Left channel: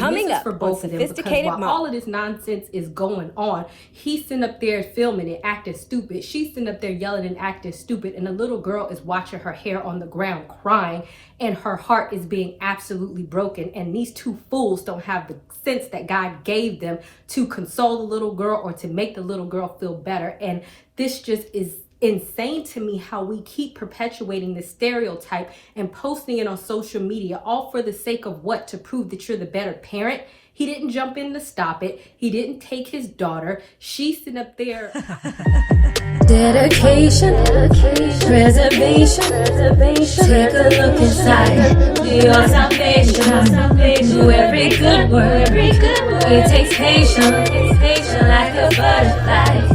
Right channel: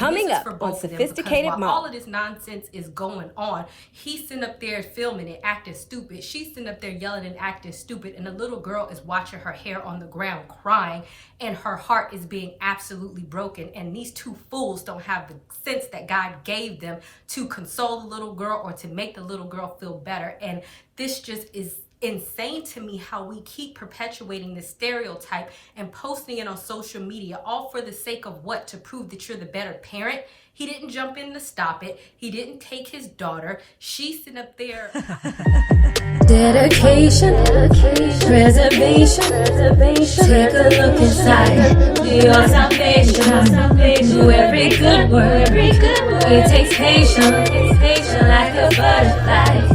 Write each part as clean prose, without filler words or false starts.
Coming up on Sophisticated Mom. All of this nonsense is going on. He's sitting up there filming it, acting stupid. She's sitting up there yelling and acting stupid. And the little girl is watching her hair on the ground crying. And her heart is being absolutely broken. And these two fools don't have the sense that God gave them to console the little girl or to make the little girl feel better. And this just is insane to me, how we keep perpetuating this stereotype and posting it on social media, all for the sake of what? To prove that you're the better parent. He didn't jump in to stop it. He didn't take his daughter. She's sitting up there. Dedication, preservation, take a look inside your salvation. Do every good work, it takes patience, like a butterfly.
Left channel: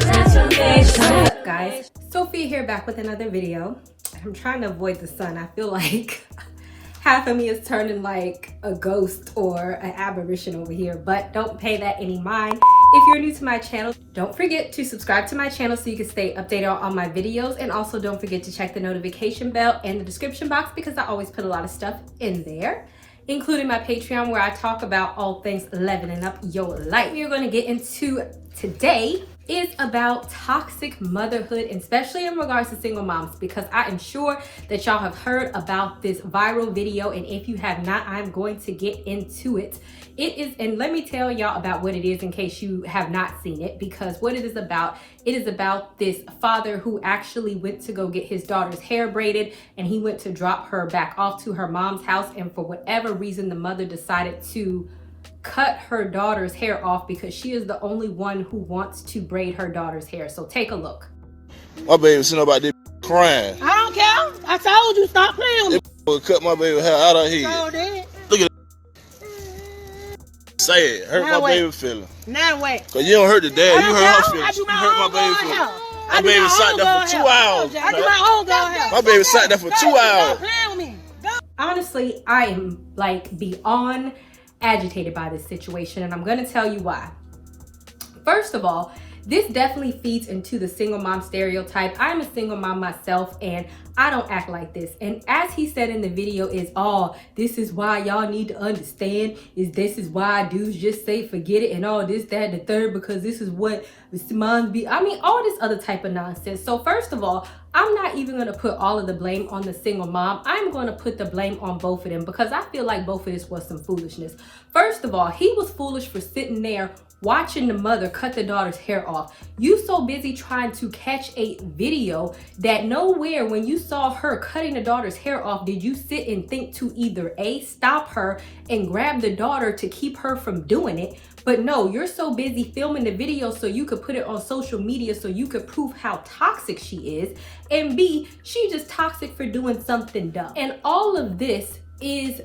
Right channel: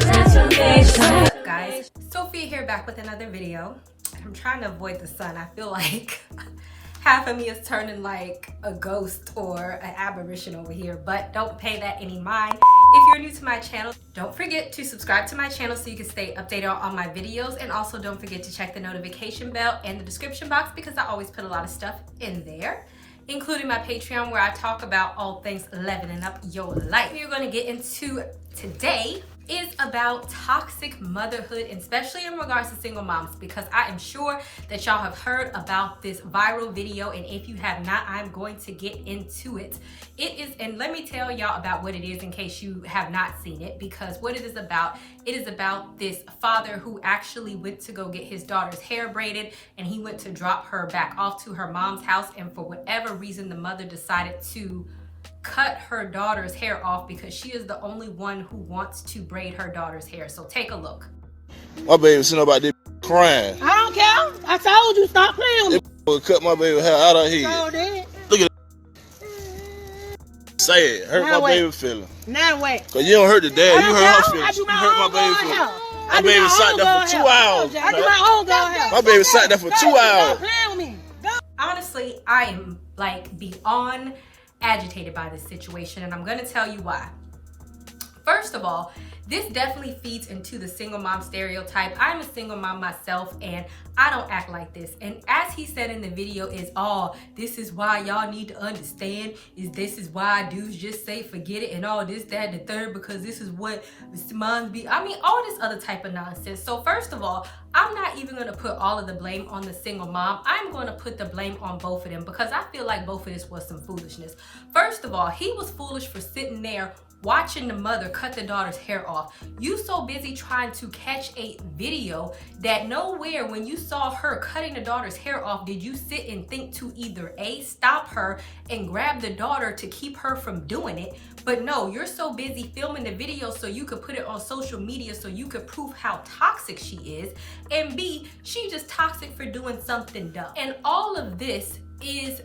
Transformation. Guys, Sophia here, back with another video. I'm trying to avoid the sun. I feel like half of me is turning like a ghost or an apparition over here, but don't pay that any mind. If you're new to my channel, don't forget to subscribe to my channel so you can stay updated on all my videos, and also don't forget to check the notification bell and the description box because I always put a lot of stuff in there, including my Patreon where I talk about all things leveling up your life. We are going to get into today is about toxic motherhood, especially in regards to single moms, because I am sure that y'all have heard about this viral video, and if you have not, I'm going to get into it. It is, and let me tell y'all about what it is in case you have not seen it, because what it is about this father who actually went to go get his daughter's hair braided, and he went to drop her back off to her mom's house, and for whatever reason the mother decided to cut her daughter's hair off because she is the only one who wants to braid her daughter's hair. So take a look. My baby sitting about this crying. I don't care. I told you stop playing with me. Will cut my baby hair out of here. So did. Look at that. Say it. Hurt Now my wait. baby feeling. Now wait. Cause you don't hurt the dad. I You don't hurt her care. feelings. I do You my hurt my own baby girl feelings. hair. My baby sat there for 2 hours. I do my own girl hair. My baby sat there for 2 Stop hours. playing with me. Go. Honestly, I am like beyond agitated by this situation, and I'm going to tell you why. First of all, this definitely feeds into the single mom stereotype. I'm a single mom myself, and I don't act like this. And as he said in the video is, oh, this is why y'all need to understand, this is why dudes just say forget it and all this, that, and the third, because this is what moms be. I mean, all this other type of nonsense. So first of all, I'm not even going to put all of the blame on the single mom. I'm going to put the blame on both of them because I feel like both of this was some foolishness. First of all, he was foolish for sitting there watching the mother cut the daughter's hair off. You so busy trying to catch a video that nowhere when you saw her cutting the daughter's hair off did you sit and think to either A, stop her and grab the daughter to keep her from doing it. But no, you're so busy filming the video so you could put it on social media so you could prove how toxic she is. And B, she's just toxic for doing something dumb. And all of this is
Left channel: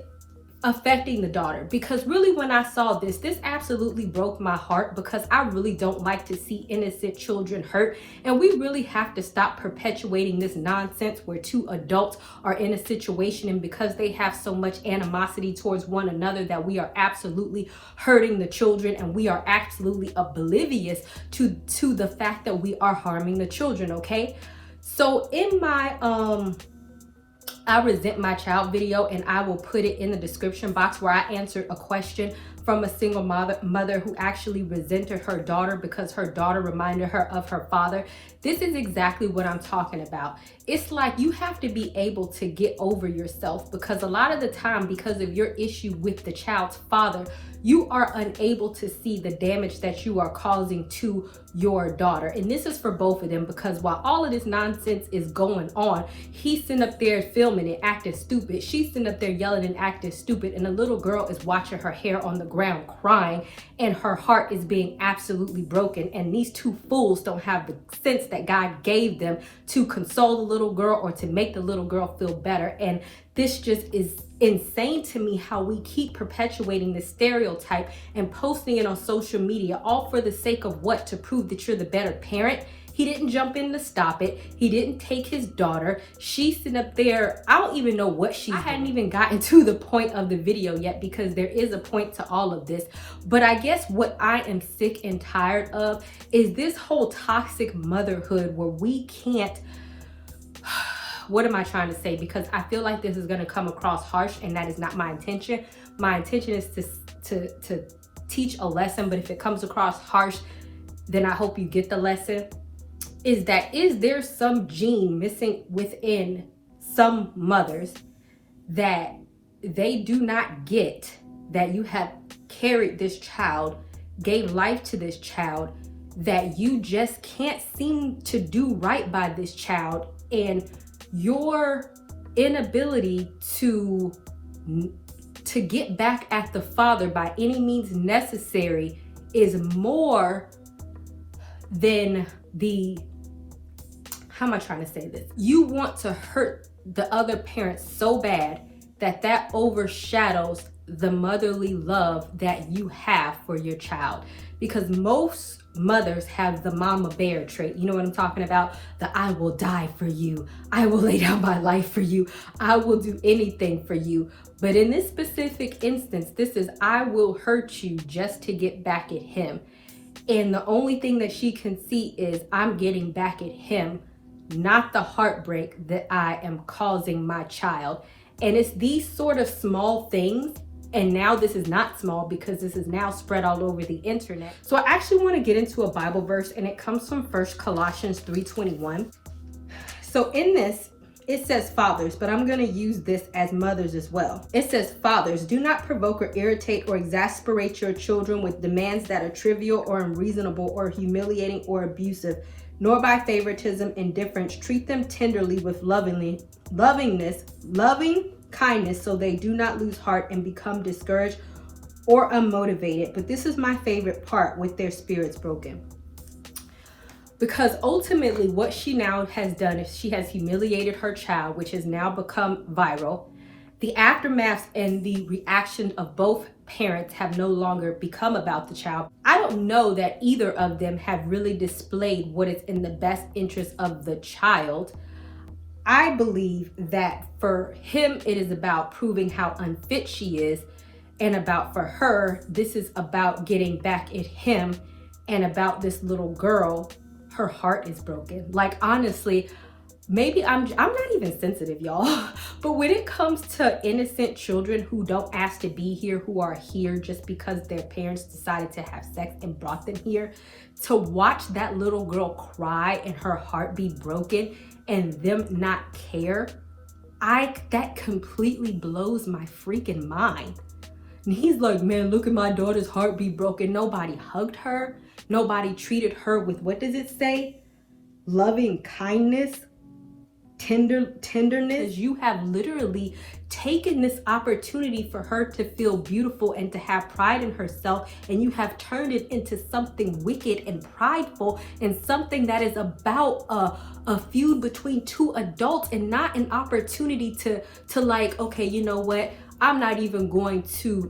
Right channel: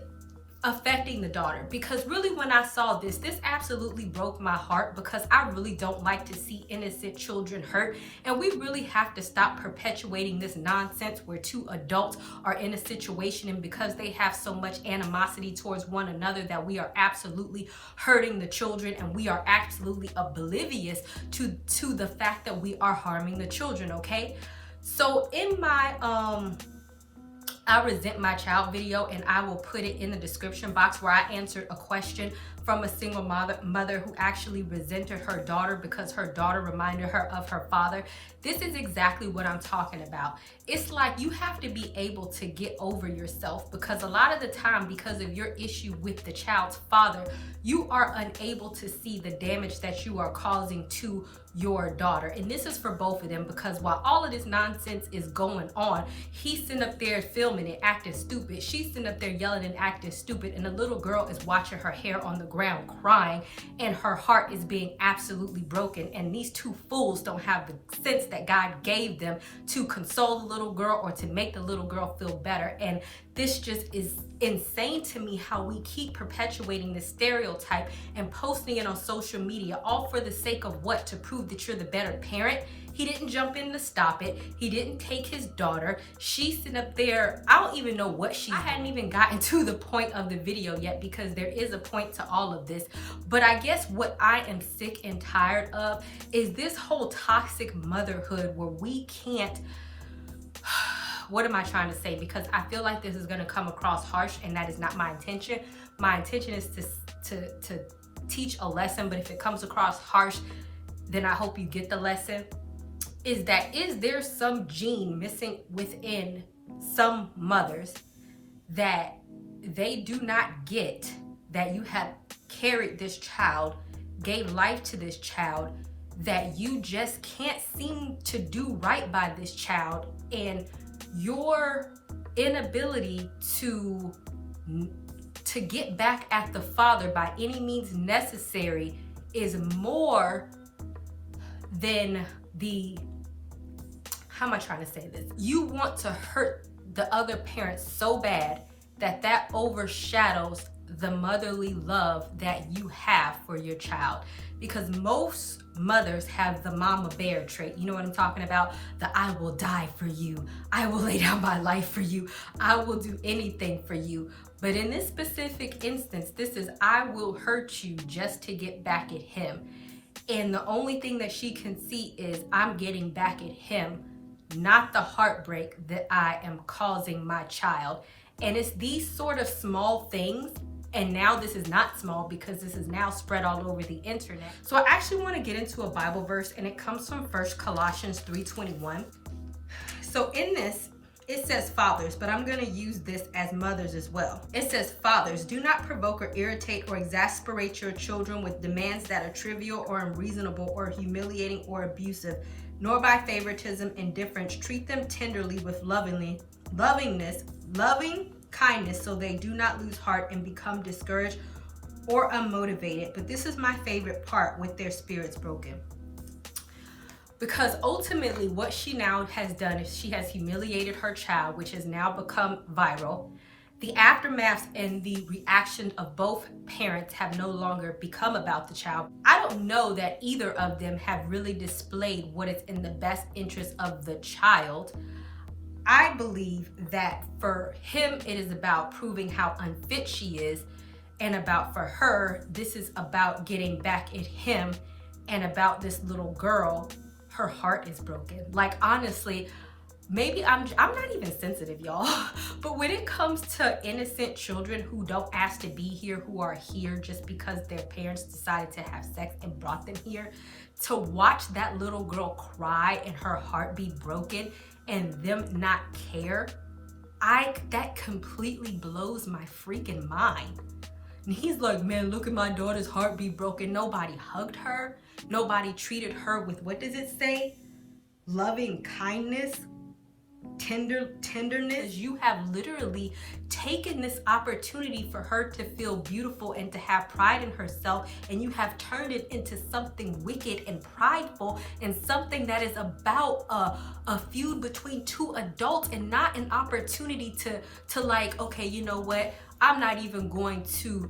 affecting the daughter, because really when I saw this absolutely broke my heart, because I really don't like to see innocent children hurt, and we really have to stop perpetuating this nonsense where two adults are in a situation and because they have so much animosity towards one another that we are absolutely hurting the children, and we are absolutely oblivious to the fact that we are harming the children. Okay, so in my I resent my child video, and I will put it in the description box, where I answered a question from a single mother who actually resented her daughter because her daughter reminded her of her father. This is exactly what I'm talking about. It's like you have to be able to get over yourself, because a lot of the time, because of your issue with the child's father, you are unable to see the damage that you are causing to your daughter. And this is for both of them, because while all of this nonsense is going on, he's sitting up there filming it, acting stupid. She's sitting up there yelling and acting stupid. And the little girl is watching her hair on the ground crying, and her heart is being absolutely broken. And these two fools don't have the sense that God gave them to console the little girl or to make the little girl feel better. And this just is insane to me, how we keep perpetuating this stereotype and posting it on social media, all for the sake of what? To prove that you're the better parent. He didn't jump in to stop it. He didn't take his daughter. She's sitting up there. I don't even know what I hadn't even gotten to the point of the video yet, because there is a point to all of this. But I guess what I am sick and tired of is this whole toxic motherhood where we can't what am I trying to say? Because I feel like this is going to come across harsh, and that is not my intention. My intention is to teach a lesson, but if it comes across harsh, then I hope you get the lesson. Is there some gene missing within some mothers that they do not get, that you have carried this child, gave life to this child, that you just can't seem to do right by this child, and your inability to get back at the father by any means necessary is more than how am I trying to say this? You want to hurt the other parent so bad that overshadows the motherly love that you have for your child. Because most mothers have the mama bear trait. You know what I'm talking about? The I will die for you. I will lay down my life for you. I will do anything for you. But in this specific instance, this is I will hurt you just to get back at him. And the only thing that she can see is I'm getting back at him, not the heartbreak that I am causing my child. And it's these sort of small things. And now this is not small because this is now spread all over the internet. So I actually want to get into a Bible verse, and it comes from 1 Colossians 3:21. So in this, it says fathers, but I'm going to use this as mothers as well. It says, fathers, do not provoke or irritate or exasperate your children with demands that are trivial or unreasonable or humiliating or abusive, nor by favoritism, indifference. Treat them tenderly with loving kindness, so they do not lose heart and become discouraged or unmotivated. But this is my favorite part, with their spirits broken. Because ultimately what she now has done is she has humiliated her child, which has now become viral. The aftermath and the reaction of both parents have no longer become about the child. I don't know that either of them have really displayed what is in the best interest of the child. I believe that for him, it is about proving how unfit she is, and for her, this is about getting back at him, and about this little girl, her heart is broken. Like, honestly, maybe I'm not even sensitive, y'all, but when it comes to innocent children who don't ask to be here, who are here just because their parents decided to have sex and brought them here, to watch that little girl cry and her heart be broken and them not care, that completely blows my freaking mind. And he's like, man, look at my daughter's heart be broken. Nobody hugged her. Nobody treated her with, what does it say? Loving kindness, tenderness. You have literally taken this opportunity for her to feel beautiful and to have pride in herself, and you have turned it into something wicked and prideful, and something that is about a feud between two adults, and not an opportunity to like, okay, you know what? I'm not even going to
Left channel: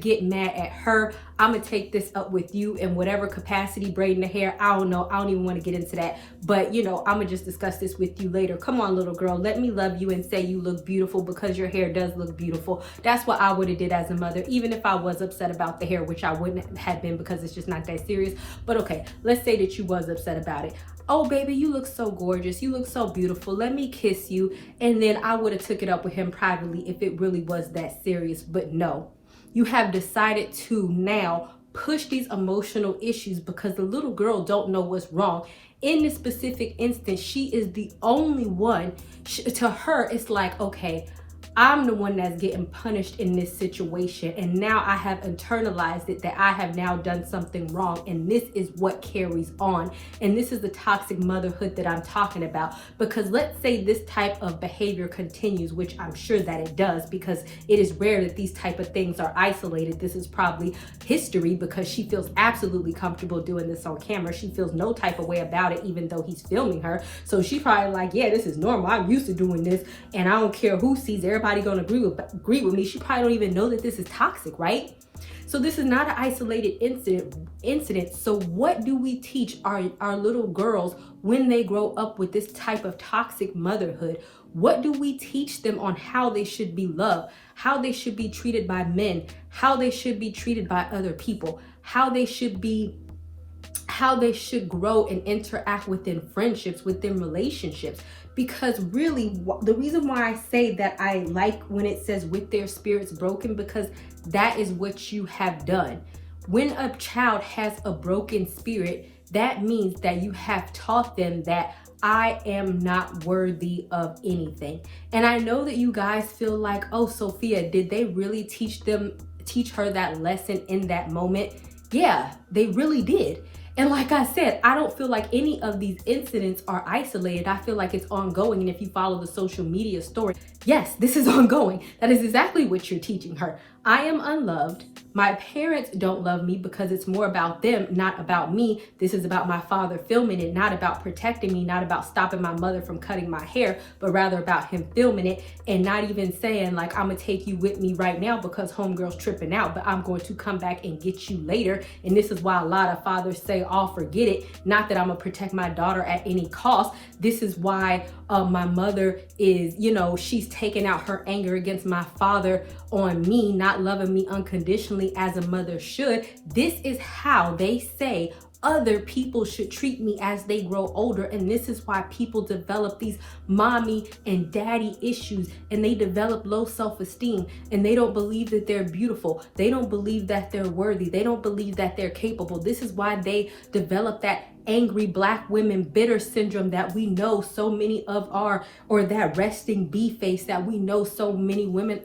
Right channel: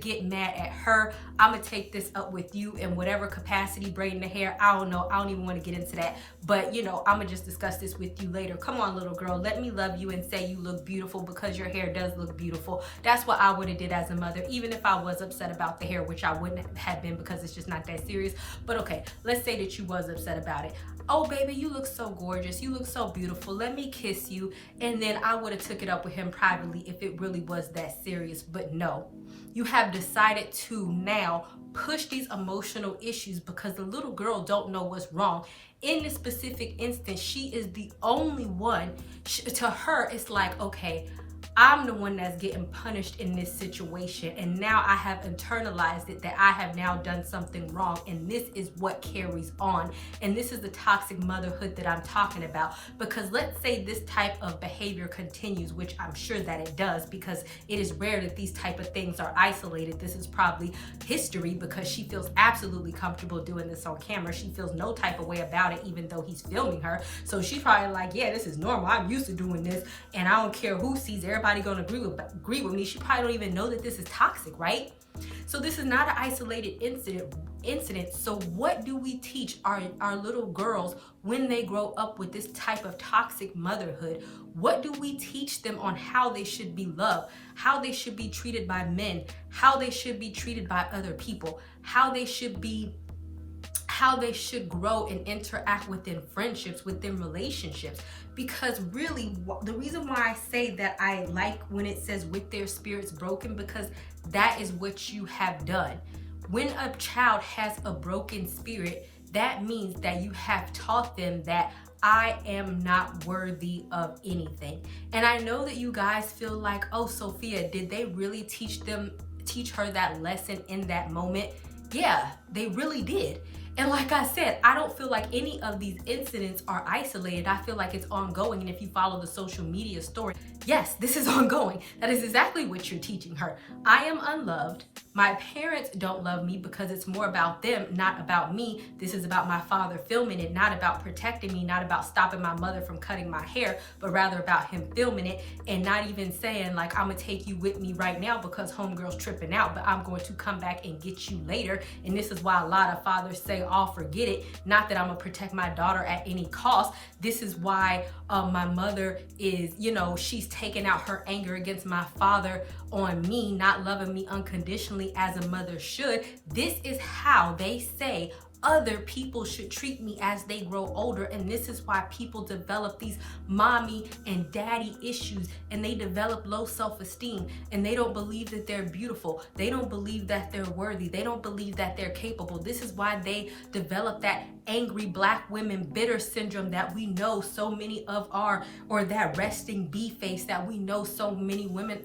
get mad at her. I'm gonna take this up with you in whatever capacity, braiding the hair. I don't know. I don't even want to get into that. But, you know, I'm gonna just discuss this with you later. Come on, little girl. Let me love you and say you look beautiful, because your hair does look beautiful. That's what I would have did as a mother, even if I was upset about the hair, which I wouldn't have been because it's just not that serious. But okay, let's say that you was upset about it. Oh, baby, you look so gorgeous. You look so beautiful. Let me kiss you. And then I would have took it up with him privately if it really was that serious. But no, you have decided to now push these emotional issues because the little girl don't know what's wrong. In this specific instance, she is the only one. To her, it's like, okay, I'm the one that's getting punished in this situation, and now I have internalized it, that I have now done something wrong, and this is what carries on. And this is the toxic motherhood that I'm talking about. Because let's say this type of behavior continues, which I'm sure that it does, because it is rare that these type of things are isolated. This is probably history, because she feels absolutely comfortable doing this on camera. She feels no type of way about it, even though he's filming her. So she probably like, yeah, this is normal. I'm used to doing this, and I don't care who sees. Everybody gonna agree with me. She probably don't even know that this is toxic, right? So this is not an isolated incident. So what do we teach our little girls when they grow up with this type of toxic motherhood? What do we teach them on how they should be loved, how they should be treated by men, how they should be treated by other people, how they should be how they should grow and interact within friendships, within relationships. Because really, the reason why I say that I like when it says with their spirits broken, because that is what you have done. When a child has a broken spirit, that means that you have taught them that I am not worthy of anything. And I know that you guys feel like, oh, Sophia, did they really teach her that lesson in that moment? Yeah, they really did. And like I said, I don't feel like any of these incidents are isolated. I feel like it's ongoing. And if you follow the social media story, yes, this is ongoing. That is exactly what you're teaching her. I am unloved. My parents don't love me because it's more about them, not about me. This is about my father filming it, not about protecting me, not about stopping my mother from cutting my hair, but rather about him filming it and not even saying like, I'm gonna take you with me right now because homegirl's tripping out, but I'm going to come back and get you later. And this is why a lot of fathers say, oh, forget it. Not that I'm gonna protect my daughter at any cost. This is why my mother is, she's taking out her anger against my father on me, not loving me unconditionally as a mother should. This is how they say other people should treat me as they grow older. And this is why people develop these mommy and daddy issues, and they develop low self-esteem, and they don't believe that they're beautiful. They don't believe that they're worthy. They don't believe that they're capable. This is why they develop that angry Black women bitter syndrome that we know so many of or that resting bee face that we know so many women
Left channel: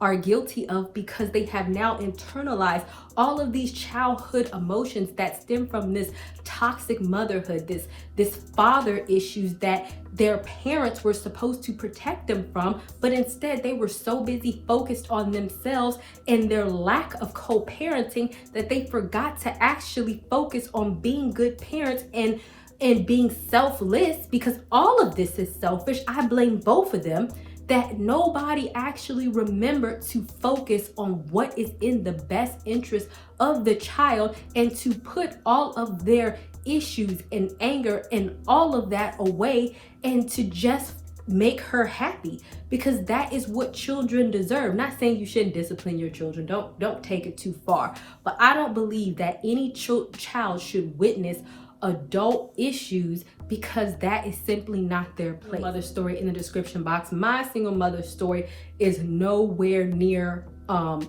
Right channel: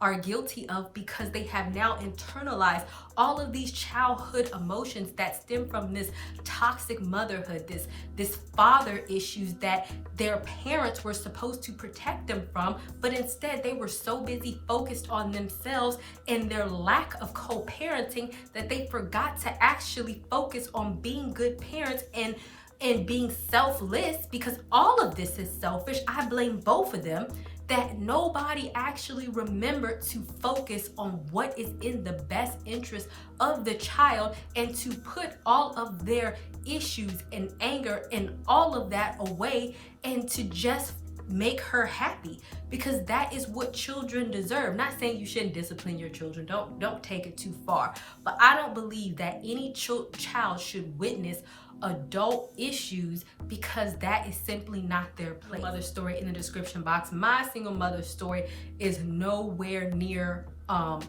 are guilty of, because they have now internalized all of these childhood emotions that stem from this toxic motherhood, this father issues that their parents were supposed to protect them from, but instead they were so busy focused on themselves and their lack of co-parenting that they forgot to actually focus on being good parents and being selfless, because all of this is selfish. I blame both of them. That nobody actually remembered to focus on what is in the best interest of the child and to put all of their issues and anger and all of that away and to just make her happy, because that is what children deserve. Not saying you shouldn't discipline your children, don't take it too far, but I don't believe that any child should witness adult issues, because that is simply not their place. Mother's story in the description box. My single mother's story is nowhere near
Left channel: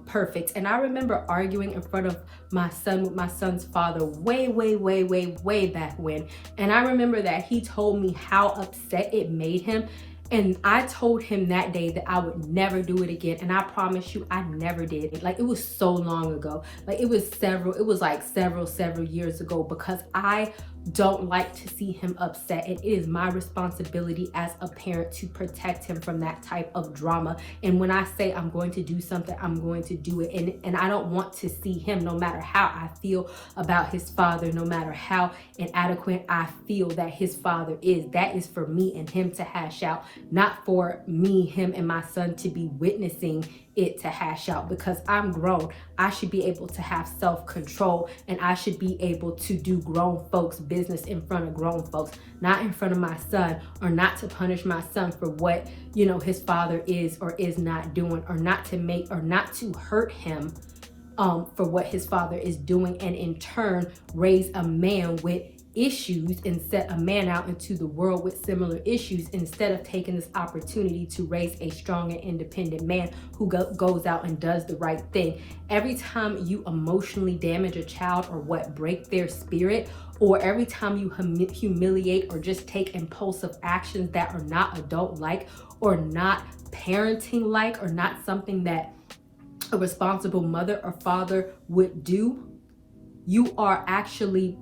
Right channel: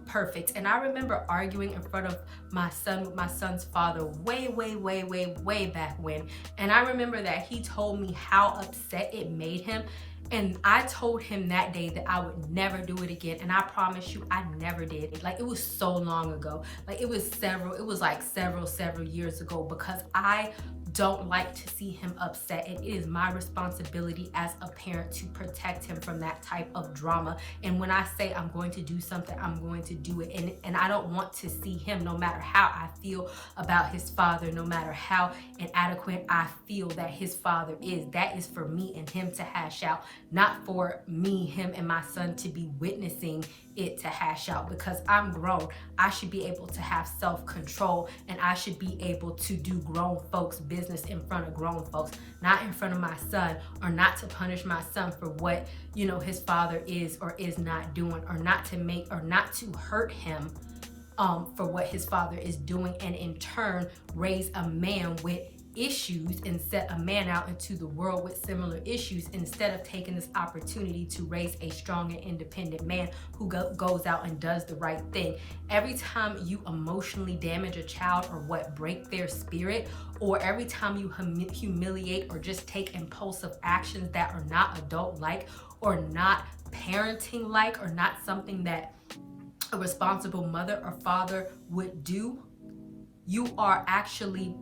perfect, and I remember arguing in front of my son with my son's father way back when, and I remember that he told me how upset it made him. And I told him that day that I would never do it again. And I promise you, I never did. Like, it was so long ago. Like, it was several years ago, because I don't like to see him upset. And it is my responsibility as a parent to protect him from that type of drama. And when I say I'm going to do something, I'm going to do it. And I don't want to see him, no matter how I feel about his father, no matter how inadequate I feel that his father is. That is for me and him to hash out, not for me, him, and my son to be witnessing it to hash out, because I'm grown. I should be able to have self-control, and I should be able to do grown folks business in front of grown folks, not in front of my son, or not to punish my son for what, his father is or is not doing, or not to hurt him for what his father is doing, and in turn raise a man with issues and set a man out into the world with similar issues, instead of taking this opportunity to raise a strong and independent man who goes out and does the right thing. Every time you emotionally damage a child or break their spirit, or every time you humiliate or just take impulsive actions that are not adult-like or not parenting-like or not something that a responsible mother or father would do, you are actually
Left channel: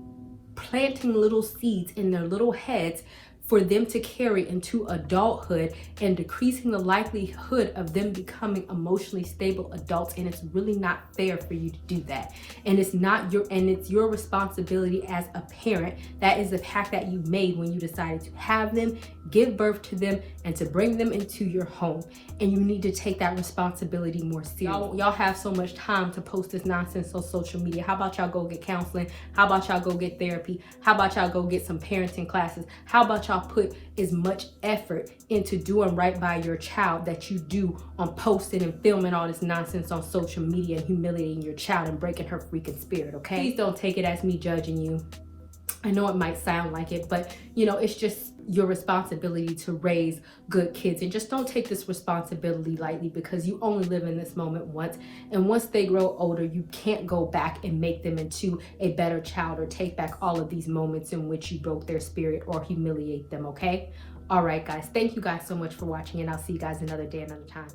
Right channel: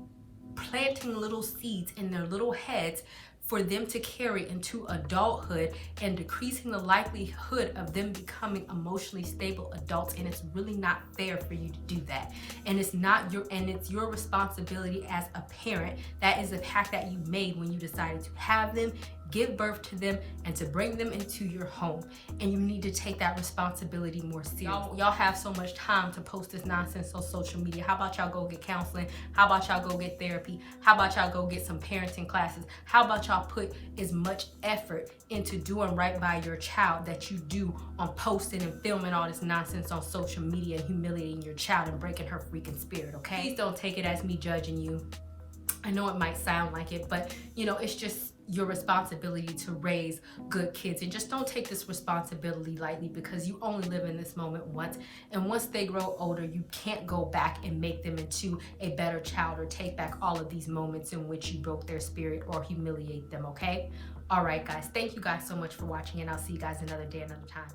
planting little seeds in their little heads for them to carry into adulthood, and decreasing the likelihood of them becoming emotionally stable adults. And it's really not fair for you to do that. And it's your responsibility as a parent. That is the pact that you made when you decided to have them. give birth to them and to bring them into your home. And you need to take that responsibility more seriously. Y'all have so much time to post this nonsense on social media. How about y'all go get counseling? How about y'all go get therapy? How about y'all go get some parenting classes? How about y'all put as much effort into doing right by your child that you do on posting and filming all this nonsense on social media and humiliating your child and breaking her freaking spirit, okay? Please don't take it as me judging you. I know it might sound like it, but you know, it's just your responsibility to raise good kids. And just don't take this responsibility lightly, because you only live in this moment once. And once they grow older, you can't go back and make them into a better child or take back all of these moments in which you broke their spirit or humiliate them, okay? All right, guys. Thank you guys so much for watching, and I'll see you guys another day, another time.